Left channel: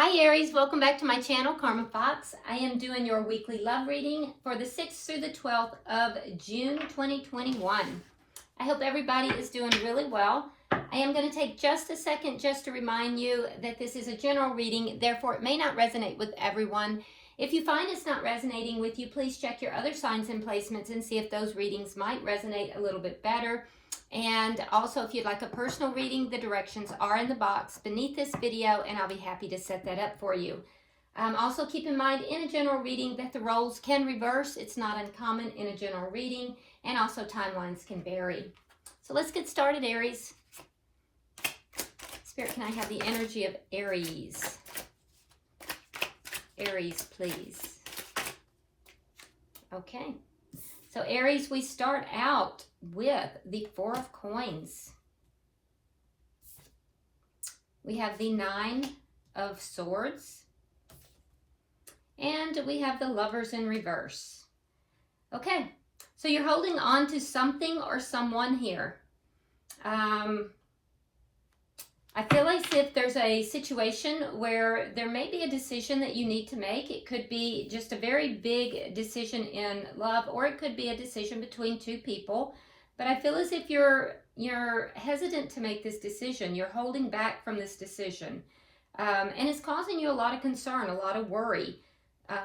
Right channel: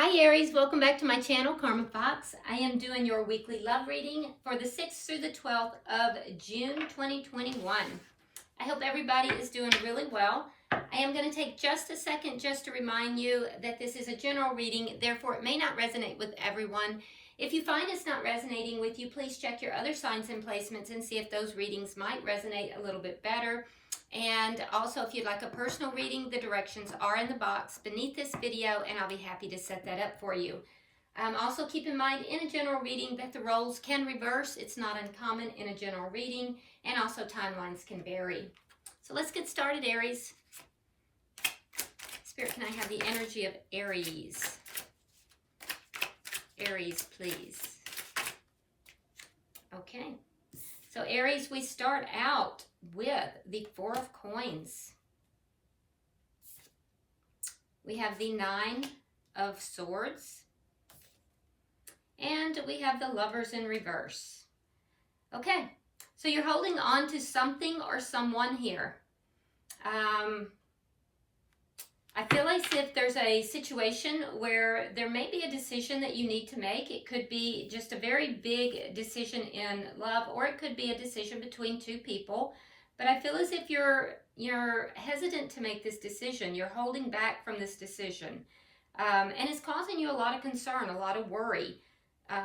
Hi Aries, welcome back to my channel, Karma Fox. I am doing your weekly love reading for the 6th through the 12th of June 2021. I hope everybody is doing really well. I am going to take just a second just to remind you that this is a general reading, therefore it may not resonate with everyone. If you find it's not resonating with you, please check your other signs and placements and see if those readings might resonate a little bit better. And also, if you'd like a personal reading, the directions are in the box beneath this video, and I'll be happy to set that up for you. Also, keep in mind in a general reading that the roles can reverse. It's not uncommon in a general reading, and also timelines can vary. So let's get started, Aries. Spirit, can I have the energy of Aries? Aries, please. Okay. So Aries, we start out with the Four of Coins. We have the Nine of Swords. And we have the Lovers in reverse. Okay, so you're holding on to something or someone here. I feel as if there's a situation where there may be a decision that you need to make. It could be just a very big decision in love, or it could be a decision between two people. But I feel as if you're hesitant to make this decision. You're holding back from this decision. And it's causing you a lot of concern, a lot of worry.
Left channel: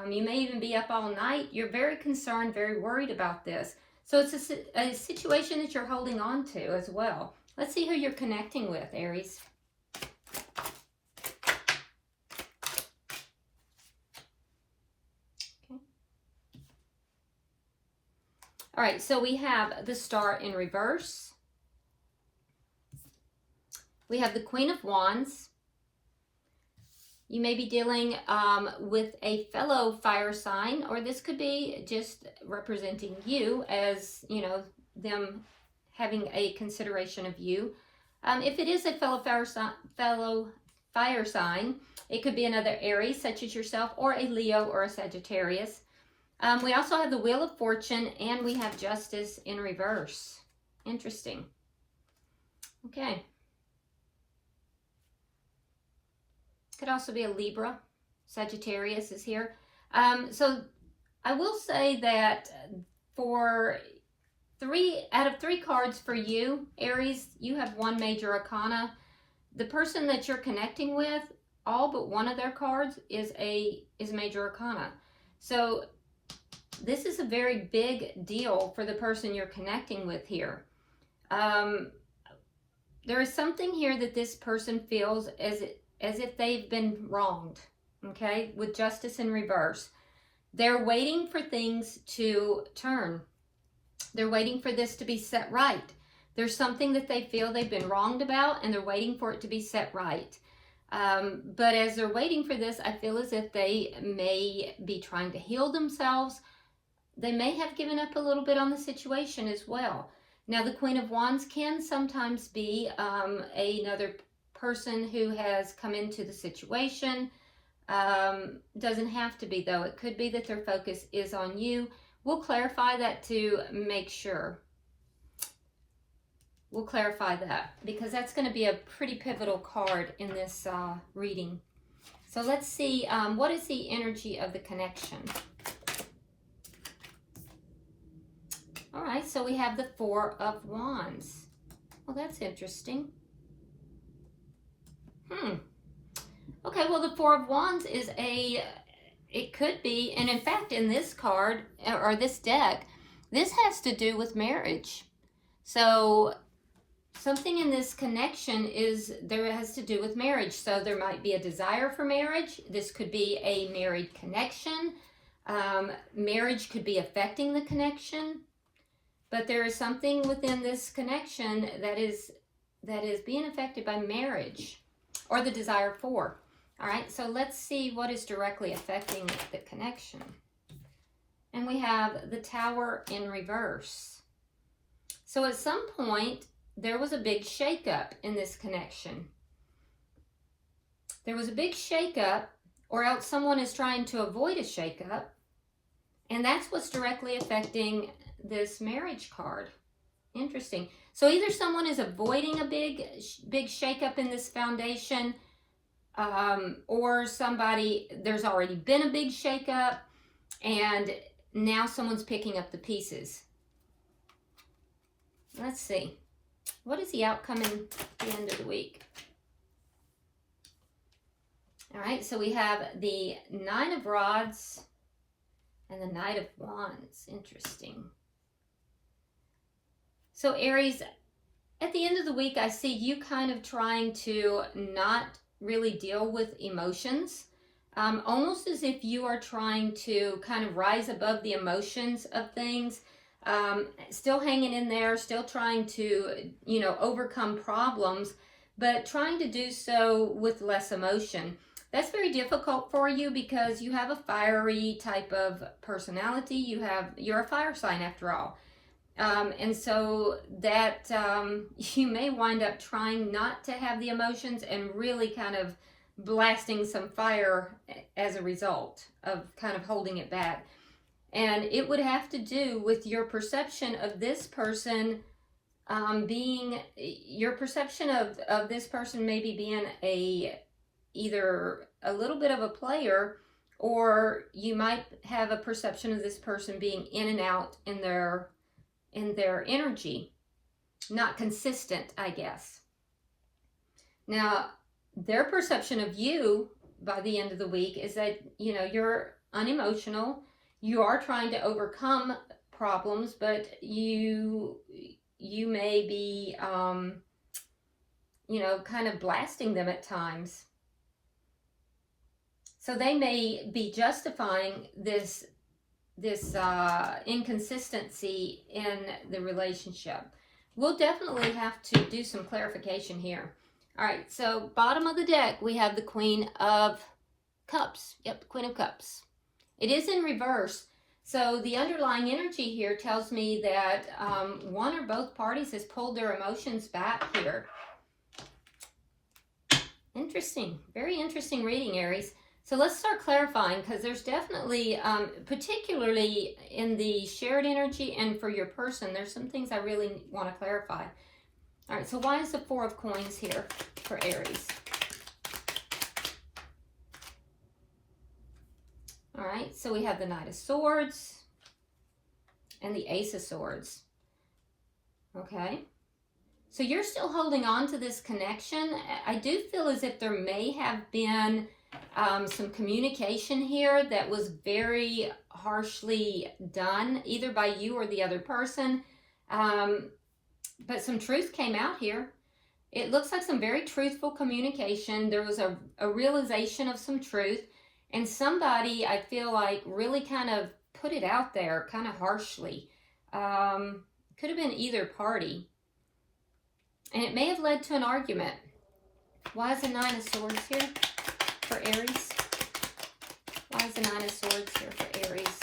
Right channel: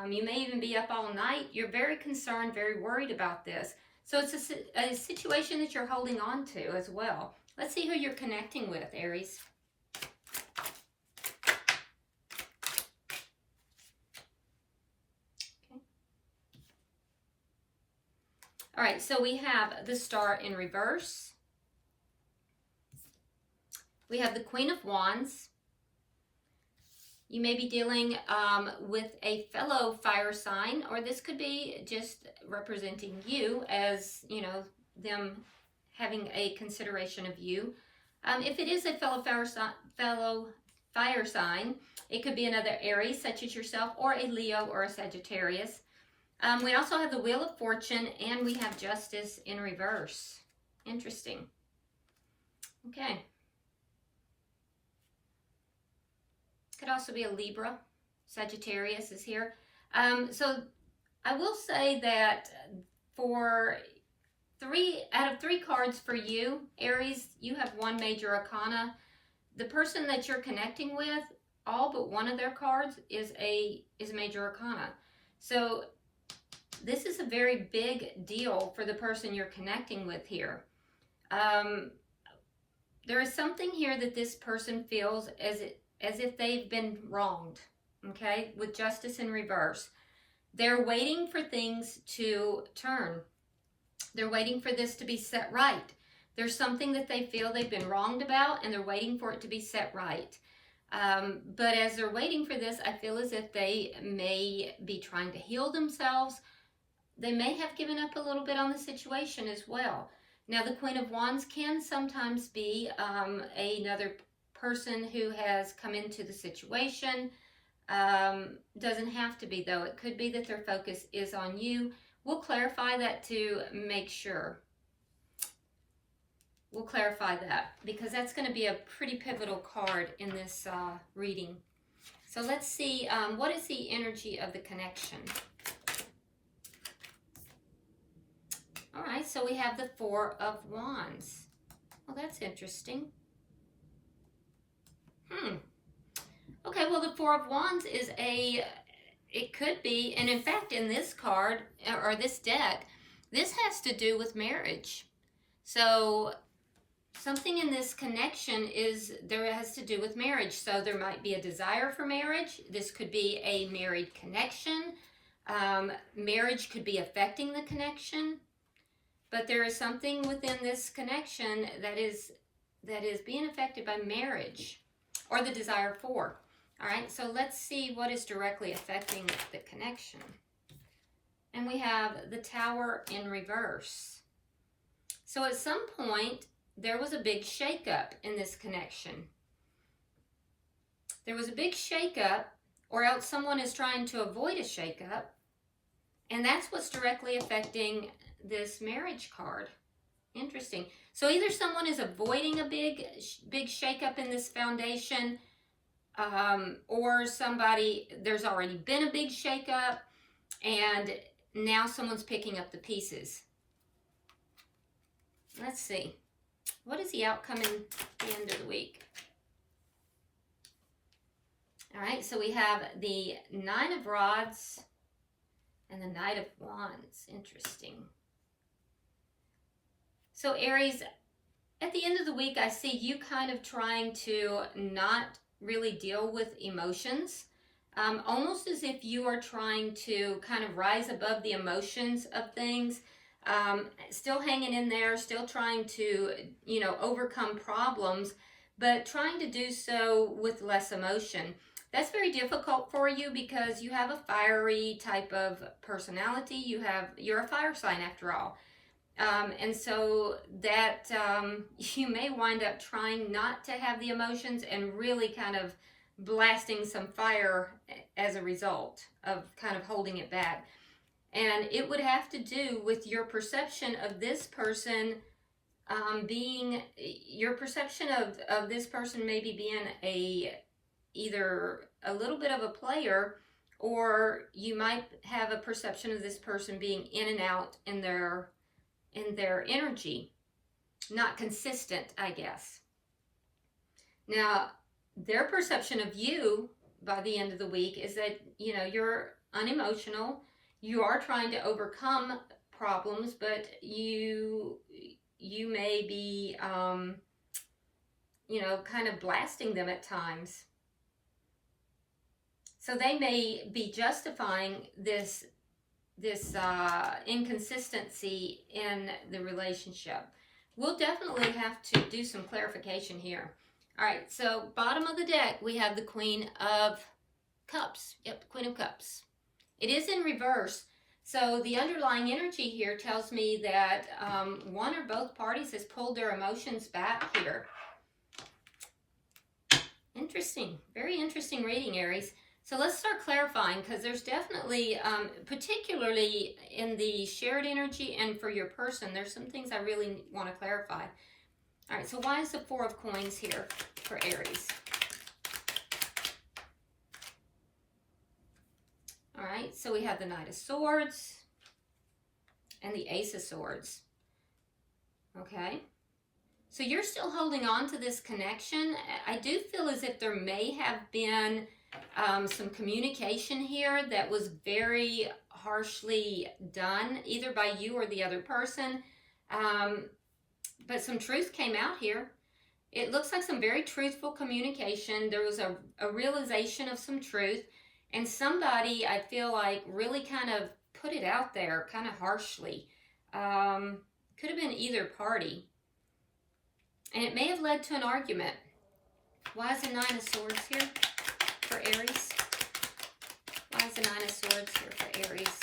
You may even be up all night. You're very concerned, very worried about this. So it's a situation that you're holding on to as well. Let's see who you're connecting with, Aries. All right, so we have the Star in reverse. We have the Queen of Wands. You may be dealing with a fellow fire sign, or this could be just representing you as, you know, them having a consideration of you. If it is a fellow fire sign, it could be another Aries, such as yourself, or a Leo or a Sagittarius. We also have the Wheel of Fortune, and we have Justice in reverse. Interesting. Okay. Could also be a Libra. Sagittarius is here. So I will say that for 3 out of 3 cards for you, Aries, you have one major arcana. The person that you're connecting with, all but one of their cards is major arcana. So this is a very big deal for the person you're connecting with here. There is something here that this person feels as if they've been wronged, okay, with Justice in reverse. They're waiting for things to turn. They're waiting for this to be set right. There's something that they feel they've been wronged about, and they're waiting for it to be set right. But as they're waiting for this, I feel as if they may be trying to heal themselves. They may have given up a little bit on the situation as well. Now, the Queen of Wands can sometimes be another person who has come into the situation. Doesn't have to be, though. It could be that their focus is on you. We'll clarify that to make sure. We'll clarify that because that's going to be a pretty pivotal card in this reading. So let's see, what is the energy of the connection? All right, so we have the Four of Wands. Well, that's interesting. Okay, well, the Four of Wands is it could be, and in fact, in this card, or this deck, this has to do with marriage. So something in this connection has to do with marriage. So there might be a desire for marriage. This could be a married connection. Marriage could be affecting the connection. But there is something within this connection that is being affected by marriage or the desire for. All right, so let's see what is directly affecting the connection. And we have the Tower in reverse. So at some point, there was a big shakeup in this connection. There was a big shakeup, or else someone is trying to avoid a shakeup. And that's what's directly affecting this marriage card. Interesting. So either someone is avoiding a big shakeup in this foundation, or somebody, there's already been a big shakeup, and now someone's picking up the pieces. Let's see. What is the outcome in the end of the week? All right, so we have the Nine of Rods and the Knight of Wands. Interesting. So Aries, at the end of the week, I see you kind of trying to not really deal with emotions, almost as if you are trying to kind of rise above the emotions of things, still hanging in there, still trying to, you know, overcome problems, but trying to do so with less emotion. That's very difficult for you because you have a fiery type of personality. You're a fire sign after all. And so that you may wind up trying not to have the emotions and really kind of blasting some fire as a result of kind of holding it back. And it would have to do with your perception of this person your perception of this person maybe being either a little bit of a player, or you might have a perception of this person being in and out in their energy, not consistent, I guess. Now, their perception of you by the end of the week is that, you know, you're unemotional, you are trying to overcome problems, but you may be, you know, kind of blasting them at times. So they may be justifying this inconsistency in the relationship. We'll definitely have to do some clarification here. All right, so bottom of the deck, we have the Queen of Cups. Yep, the Queen of Cups. It is in reverse. So the underlying energy here tells me that one or both parties has pulled their emotions back here. Interesting. Very interesting reading, Aries. So let's start clarifying, because there's definitely, particularly in the shared energy and for your person, there's some things I really want to clarify. All right, so why is the Four of Coins here for Aries? All right, so we have the Knight of Swords and the Ace of Swords. Okay, so you're still holding on to this connection. I do feel as if there may have been some communication here that was very harshly done, either by you or the other person. But some truth came out here. It looks like some very truthful communication. There was a realization of some truth, and somebody, I feel like, really kind of put it out there kind of harshly. Could have been either party. And it may have led to an argument. Why is the Nine of Swords here for Aries? Why is the Nine of Swords here for Aries?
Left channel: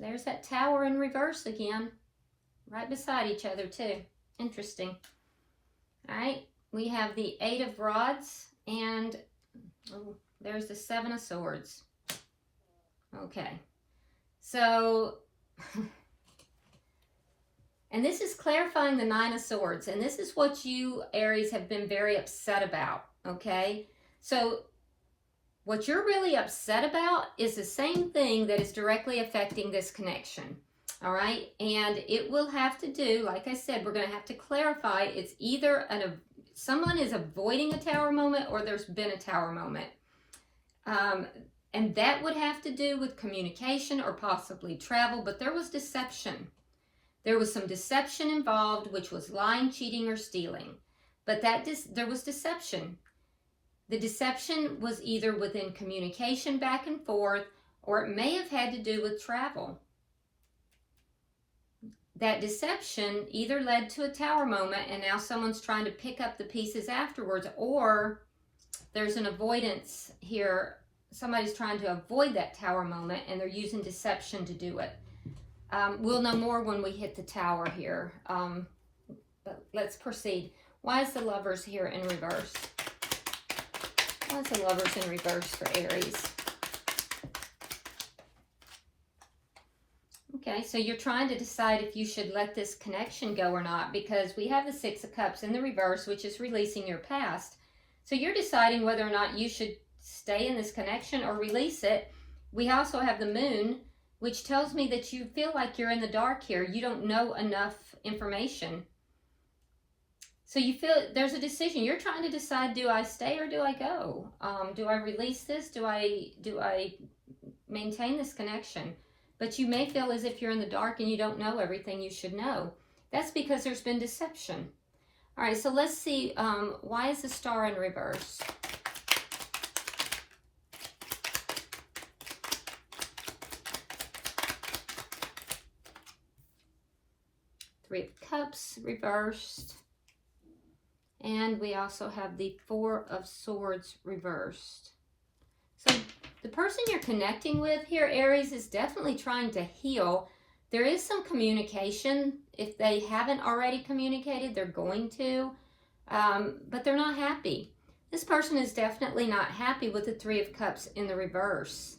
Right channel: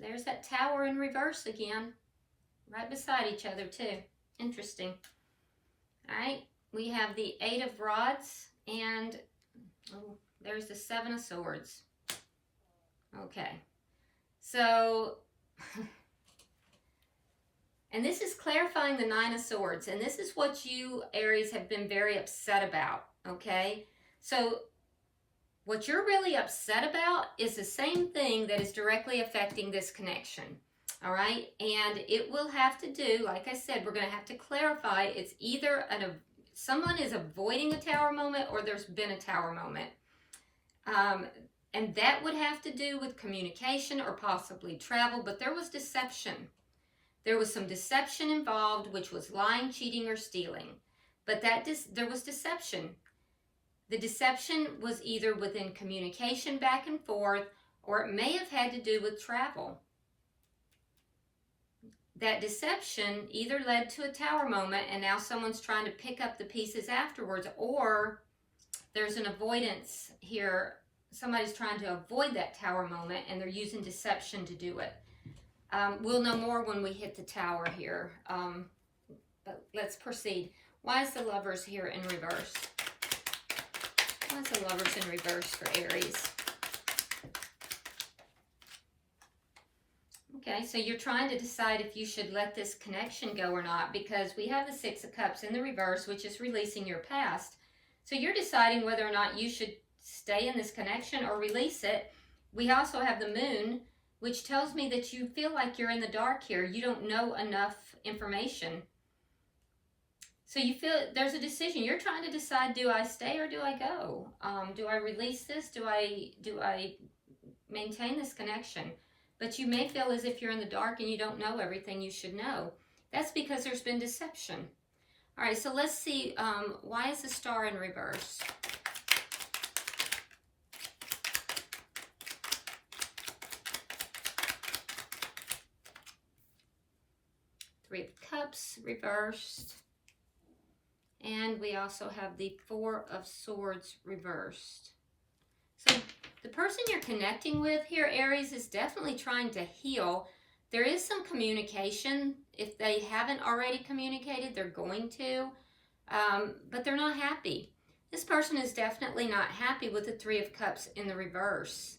There's that Tower in reverse again, right beside each other too. Interesting. All right, we have the Eight of Rods, and there's the Seven of Swords. Okay, so, and this is clarifying the Nine of Swords, and this is what you, Aries, have been very upset about, okay? So what you're really upset about is the same thing that is directly affecting this connection, all right? And it will have to do, like I said, we're going to have to clarify. It's either someone is avoiding a Tower moment, or there's been a Tower moment. And that would have to do with communication or possibly travel, but there was deception. There was some deception involved, which was lying, cheating, or stealing. But there was deception. The deception was either within communication back and forth, or it may have had to do with travel. That deception either led to a Tower moment, and now someone's trying to pick up the pieces afterwards, or there's an avoidance here. Somebody's trying to avoid that Tower moment, and they're using deception to do it. We'll know more when we hit the Tower here. But let's proceed. Why is the Lovers here in reverse? Why is the Lovers in reverse for Aries? Okay, so you're trying to decide if you should let this connection go or not, because we have the Six of Cups in the reverse, which is releasing your past. So you're deciding whether or not you should stay in this connection or release it. We also have the Moon, which tells me that you feel like you're in the dark here. You don't know enough information. So you feel there's a decision. You're trying to decide, do I stay or do I go? Do I release this? Do I maintain this connection? But you may feel as if you're in the dark and you don't know everything you should know. That's because there's been deception. All right, so let's see, why is the Star in reverse? Three of Cups reversed. And we also have the Four of Swords reversed. So the person you're connecting with here, Aries, is definitely trying to heal. There is some communication. If they haven't already communicated, they're going to, but they're not happy. This person is definitely not happy with the Three of Cups in the reverse.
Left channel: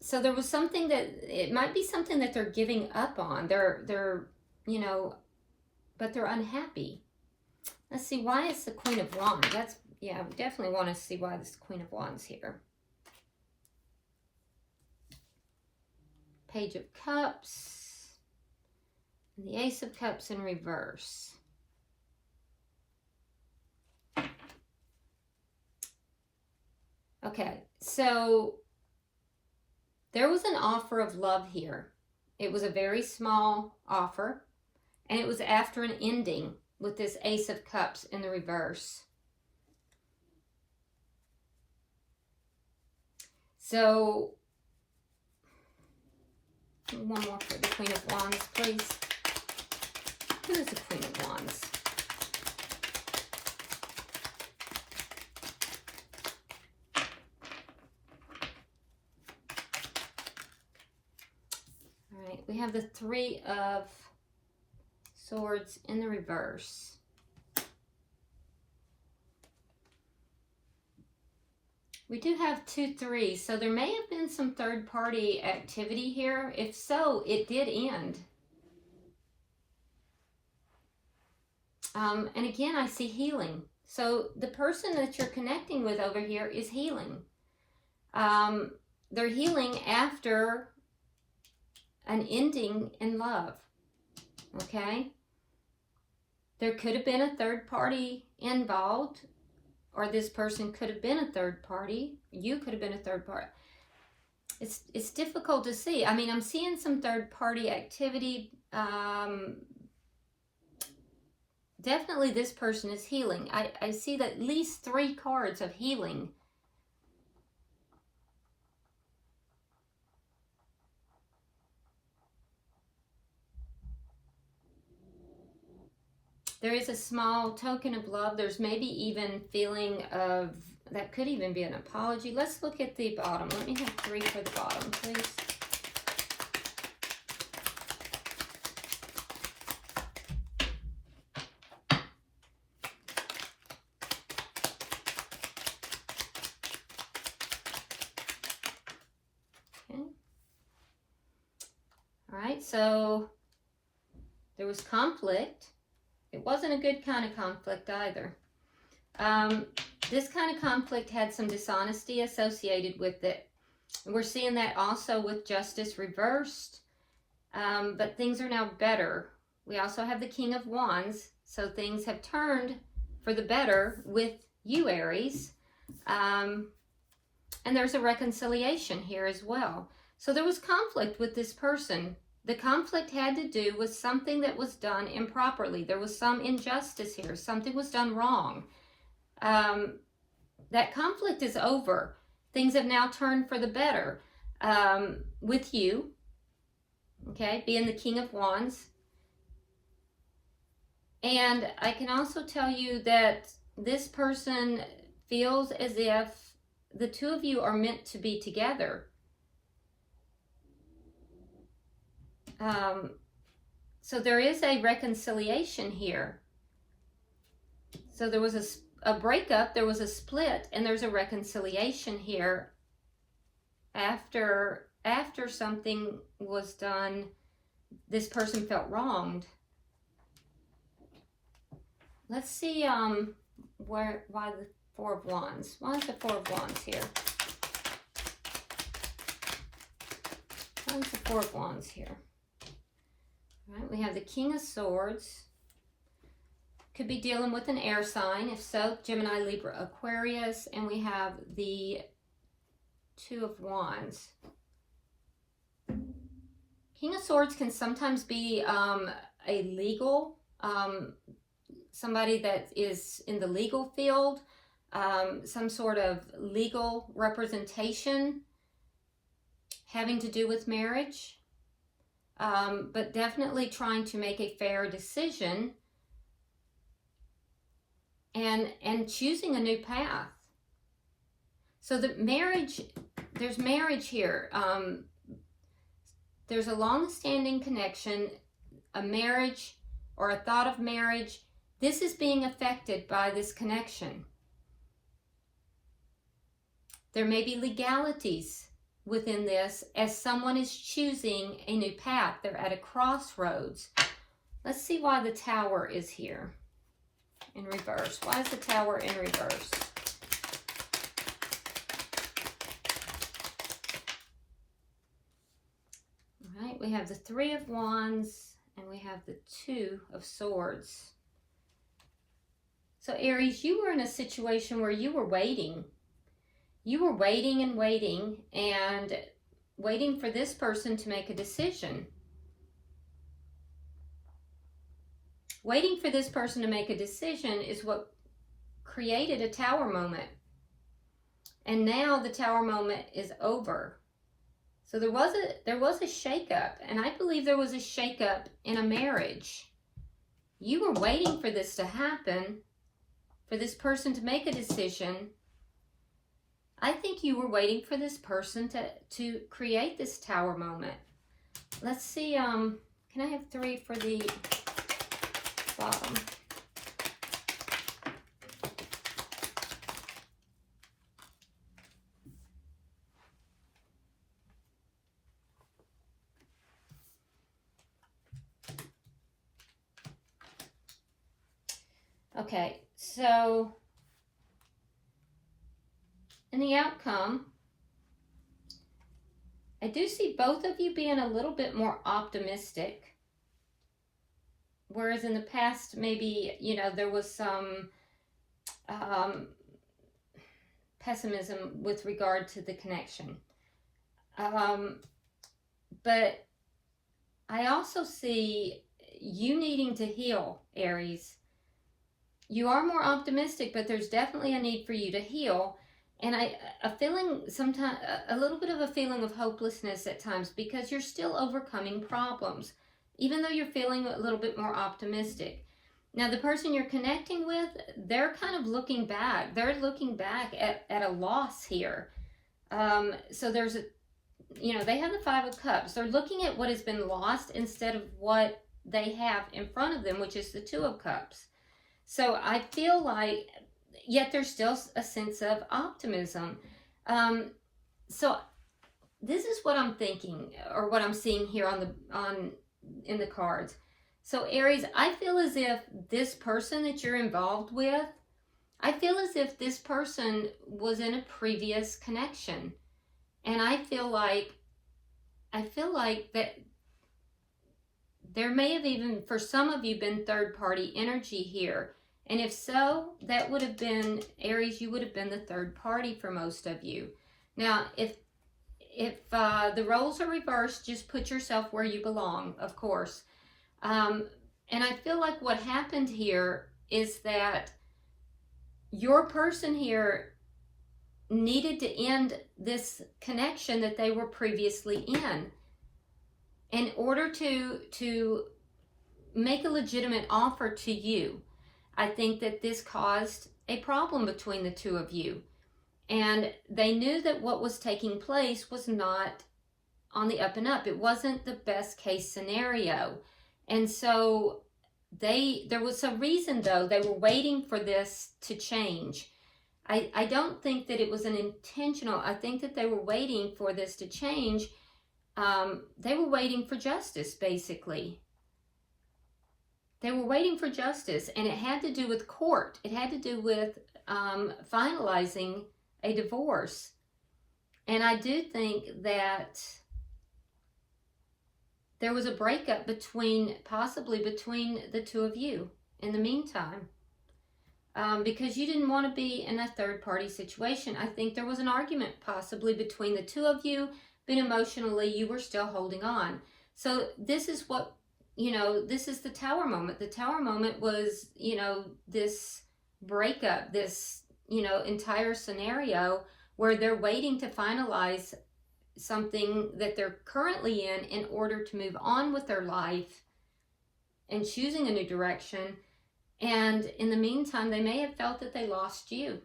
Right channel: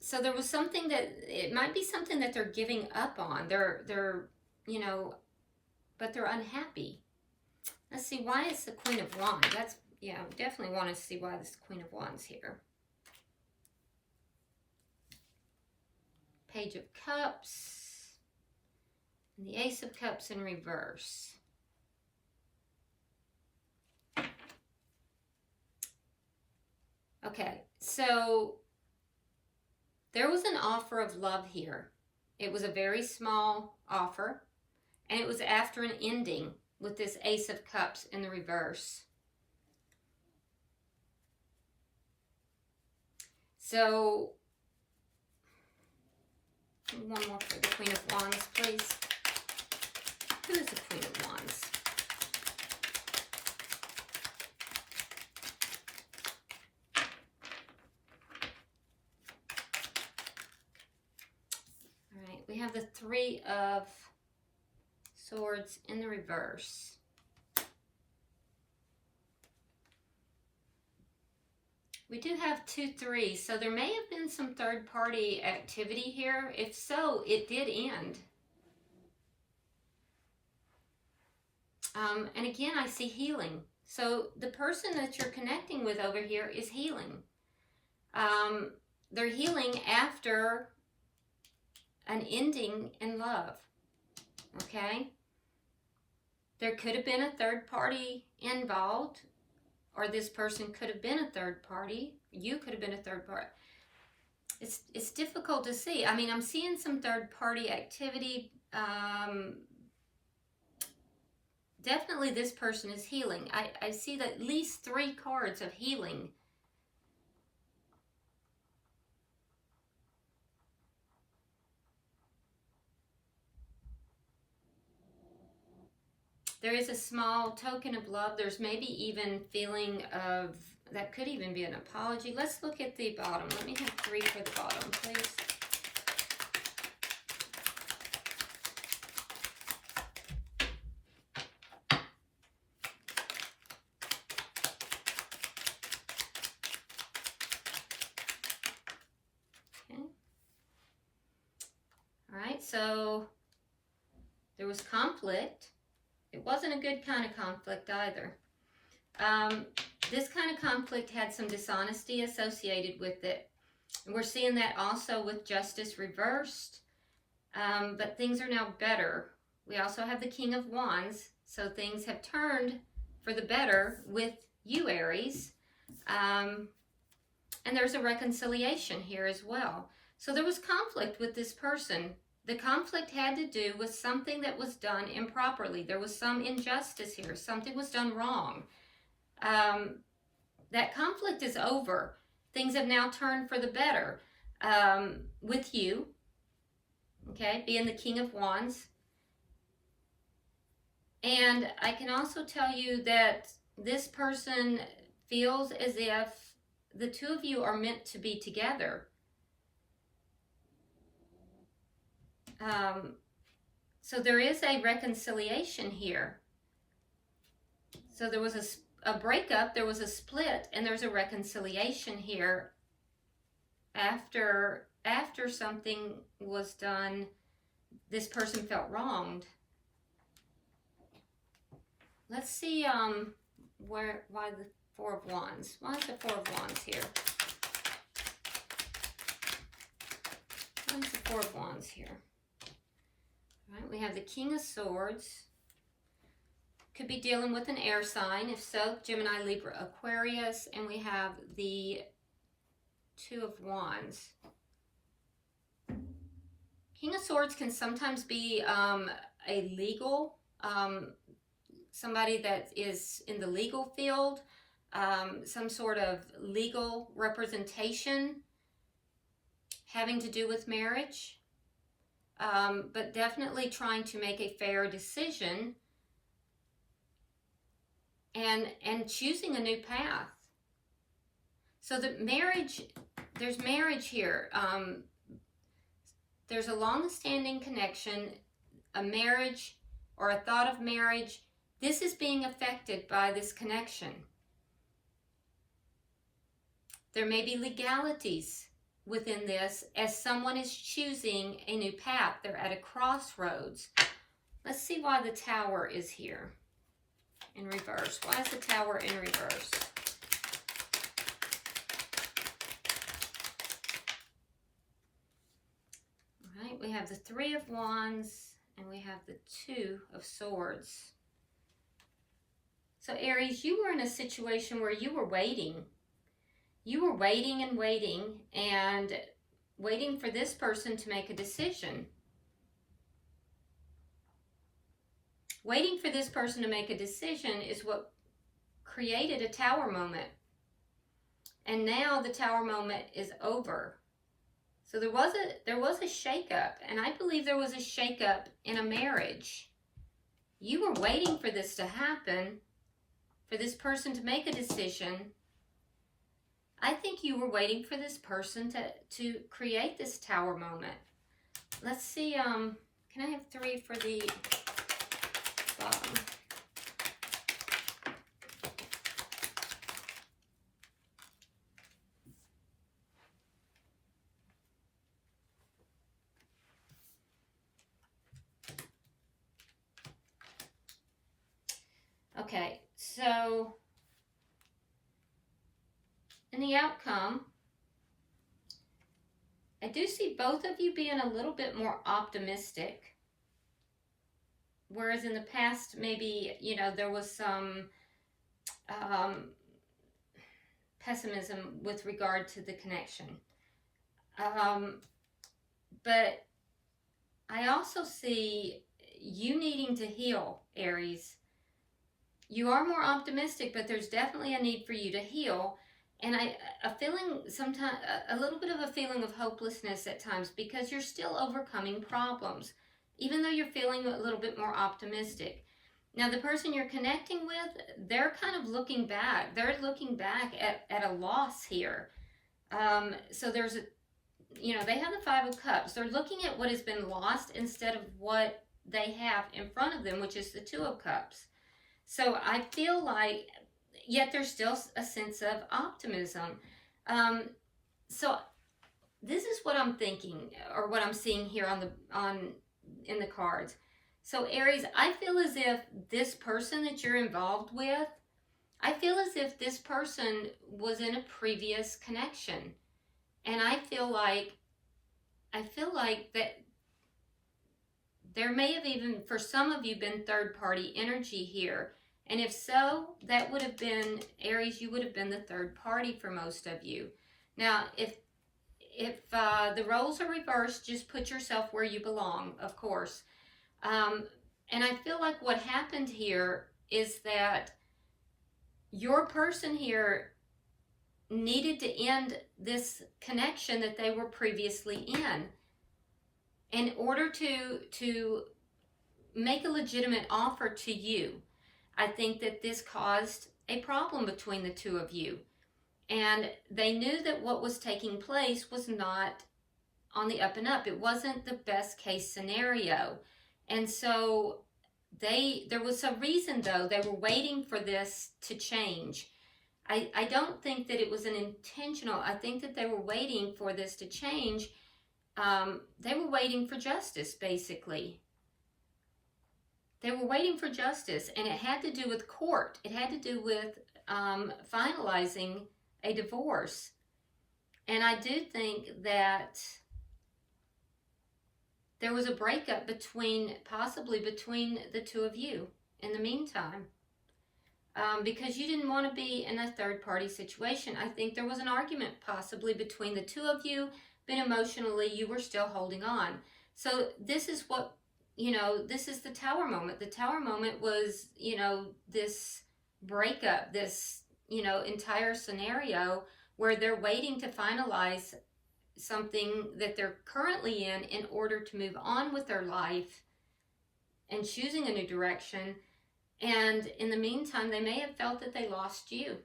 So there was something that, it might be something that they're giving up on. They're you know, but they're unhappy. Let's see, why is the Queen of Wands? That's, yeah, I definitely want to see why this Queen of Wands here. Page of Cups, and the Ace of Cups in reverse. Okay, so there was an offer of love here. It was a very small offer, and it was after an ending with this Ace of Cups in the reverse. So, one more for the Queen of Wands, please. Who is the Queen of Wands? All right, we have the Three of Swords in the reverse. We do have 2 3s, so there may have been some third-party activity here. If so, it did end. And again, I see healing. So the person that you're connecting with over here is healing. They're healing after an ending in love. Okay? There could have been a third party involved, or this person could have been a third party. You could have been a third party. It's difficult to see. I mean, I'm seeing some third party activity. Definitely this person is healing. I see that at least 3 cards of healing. There is a small token of love. There's maybe even feeling of, that could even be an apology. Let's look at the bottom. Let me have 3 for the bottom, please. Okay. All right, so there was conflict. It wasn't a good kind of conflict either. This kind of conflict had some dishonesty associated with it. And we're seeing that also with Justice reversed. But things are now better. We also have the King of Wands. So things have turned for the better with you, Aries. And there's a reconciliation here as well. So there was conflict with this person. The conflict had to do with something that was done improperly. There was some injustice here. Something was done wrong. That conflict is over. Things have now turned for the better with you, okay, being the King of Wands. And I can also tell you that this person feels as if the 2 of you are meant to be together. So there is a reconciliation here. So there was a breakup, there was a split, and there's a reconciliation here after something was done this person felt wronged. Let's see why the Four of Wands. Why is the Four of Wands here? Why is the Four of Wands here? All right, we have the King of Swords. Could be dealing with an air sign. If so, Gemini, Libra, Aquarius. And we have the Two of Wands. King of Swords can sometimes be a legal, somebody that is in the legal field, some sort of legal representation having to do with marriage, but definitely trying to make a fair decision and choosing a new path. So the marriage, there's marriage here. There's a long-standing connection, a marriage or a thought of marriage. This is being affected by this connection. There may be legalities within this as someone is choosing a new path. They're at a crossroads. Let's see why the Tower is here in reverse. Why is the Tower in reverse? All right, we have the Three of Wands and we have the Two of Swords. So Aries, you were in a situation where you were waiting. You were waiting and waiting and waiting for this person to make a decision. Waiting for this person to make a decision is what created a Tower moment. And now the Tower moment is over. So there was a shakeup, and I believe there was a shakeup in a marriage. You were waiting for this to happen, for this person to make a decision. I think you were waiting for this person to create this Tower moment. Let's see, can I have 3 for the bottom? Okay, so in the outcome, I do see both of you being a little bit more optimistic. Whereas in the past, maybe, you know, there was some pessimism with regard to the connection. But I also see you needing to heal, Aries. You are more optimistic, but there's definitely a need for you to heal. And a feeling sometimes, a little bit of a feeling of hopelessness at times, because you're still overcoming problems, even though you're feeling a little bit more optimistic. Now, the person you're connecting with, they're kind of looking back. They're looking back at a loss here. So there's they have the Five of Cups. They're looking at what has been lost instead of what they have in front of them, which is the Two of Cups. So I feel like, yet there's still a sense of optimism. So this is what I'm thinking, or what I'm seeing here in the cards. So Aries, I feel as if this person that you're involved with, I feel as if this person was in a previous connection. And I feel like that there may have even, for some of you, been third-party energy here. And if so, that would have been, Aries, you would have been the third party for most of you. Now, if the roles are reversed, just put yourself where you belong, of course. And I feel like what happened here is that your person here needed to end this connection that they were previously in order to make a legitimate offer to you. I think that this caused a problem between the two of you. And they knew that what was taking place was not on the up and up. It wasn't the best case scenario. And so there was a reason, though. They were waiting for this to change. I don't think that it was an intentional. I think that they were waiting for this to change they were waiting for justice, basically. They were waiting for justice, and it had to do with court. It had to do with finalizing a divorce. And I do think that there was a breakup possibly between the two of you in the meantime. Because you didn't want to be in a third-party situation. I think there was an argument possibly between the two of you, but emotionally you were still holding on. So this is what, this is the Tower moment. The Tower moment was, this breakup, this, entire scenario where they're waiting to finalize something that they're currently in order to move on with their life and choosing a new direction. And in the meantime, they may have felt that they lost you.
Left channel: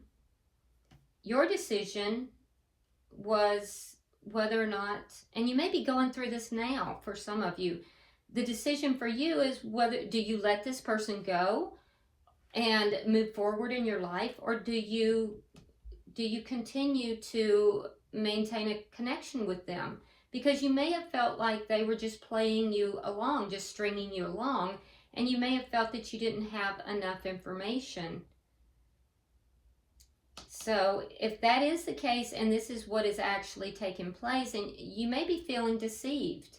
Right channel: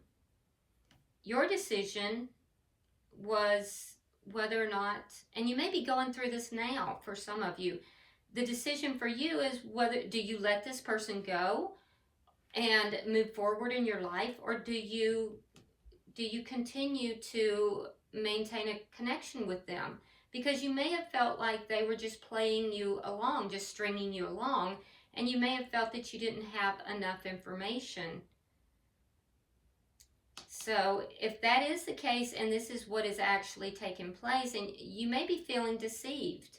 Your decision was whether or not, and you may be going through this now for some of you, the decision for you is whether, do you let this person go and move forward in your life, or do you continue to maintain a connection with them? Because you may have felt like they were just playing you along, just stringing you along, and you may have felt that you didn't have enough information. So if that is the case, and this is what is actually taking place, and you may be feeling deceived.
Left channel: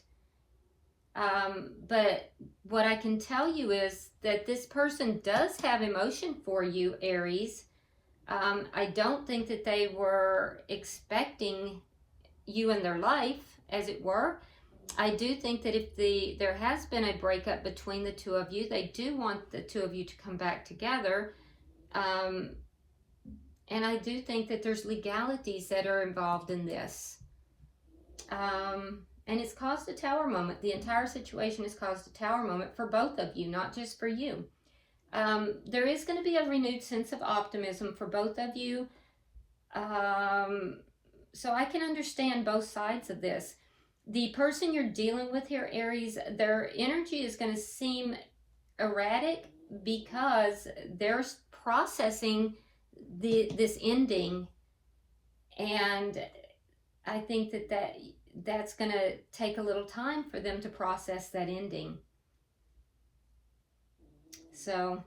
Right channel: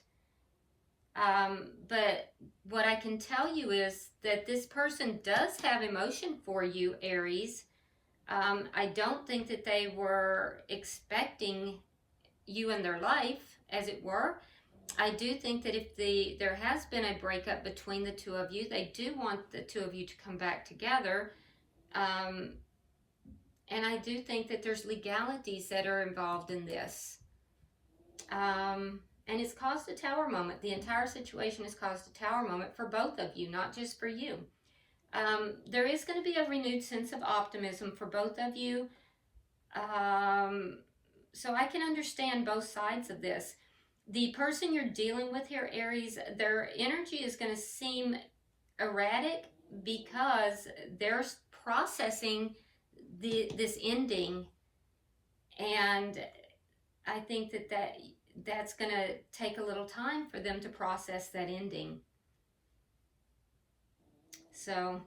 But what I can tell you is that this person does have emotion for you, Aries. I don't think that they were expecting you in their life, as it were. I do think that if there has been a breakup between the two of you, they do want the two of you to come back together. And I do think that there's legalities that are involved in this. And it's caused a Tower moment. The entire situation has caused a Tower moment for both of you, not just for you. There is going to be a renewed sense of optimism for both of you. So I can understand both sides of this. The person you're dealing with here, Aries, their energy is going to seem erratic because they're processing this ending. And I think that's going to take a little time for them to process that ending. So,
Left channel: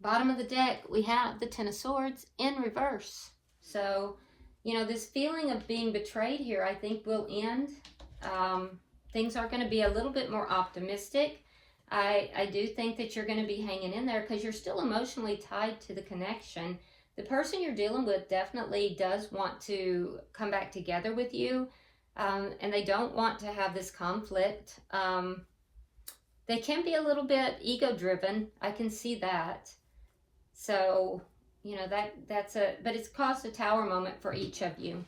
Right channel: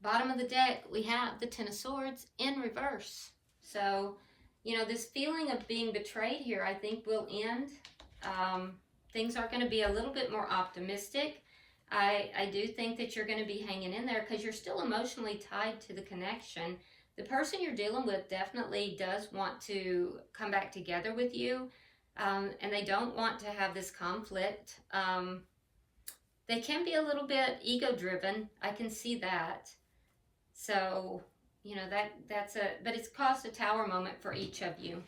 bottom of the deck, we have the Ten of Swords in reverse. So, this feeling of being betrayed here, I think, will end. Things are going to be a little bit more optimistic. I do think that you're going to be hanging in there because you're still emotionally tied to the connection. The person you're dealing with definitely does want to come back together with you, and they don't want to have this conflict. They can be a little bit ego-driven. I can see that. So, but it's caused a Tower moment for each of you.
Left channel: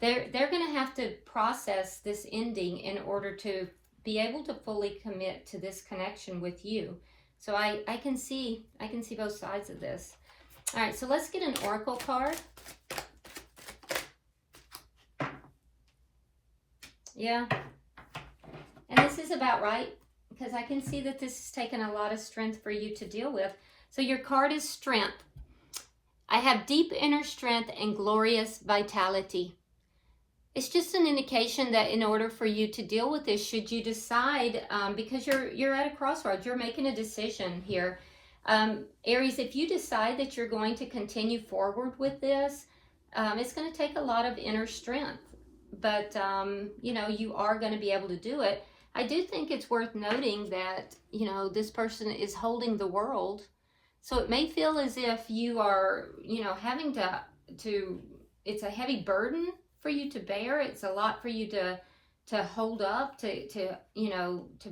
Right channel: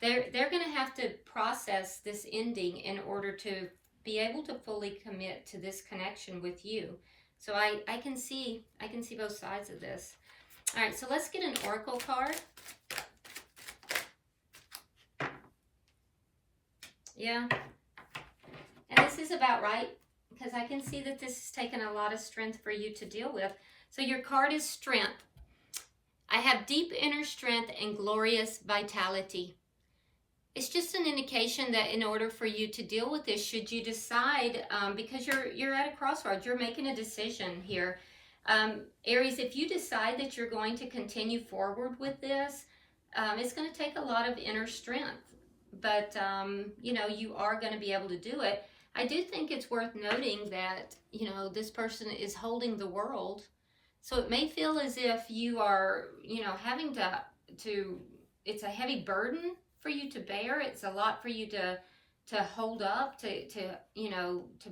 They're going to have to process this ending in order to be able to fully commit to this connection with you. So I can see both sides of this. All right, so let's get an oracle card. Yeah. And this is about right, because I can see that this has taken a lot of strength for you to deal with. So your card is Strength. I have deep inner strength and glorious vitality. It's just an indication that in order for you to deal with this, should you decide, because you're at a crossroads, you're making a decision here. Aries, if you decide that you're going to continue forward with this, it's going to take a lot of inner strength. But, you are going to be able to do it. I do think it's worth noting that, this person is holding the world. So it may feel as if you are, having to, it's a heavy burden for you to bear. It's a lot for you to hold up, to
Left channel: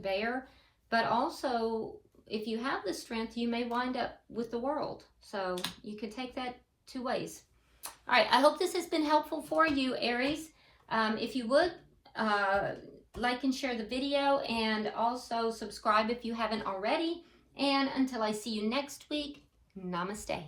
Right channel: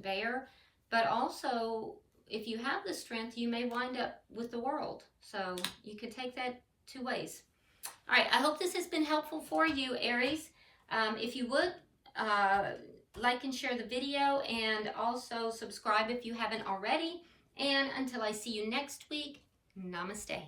bear. But also, if you have the strength, you may wind up with the world. So you can take that two ways. All right, I hope this has been helpful for you, Aries. If you would, like and share the video, and also subscribe if you haven't already. And until I see you next week, namaste.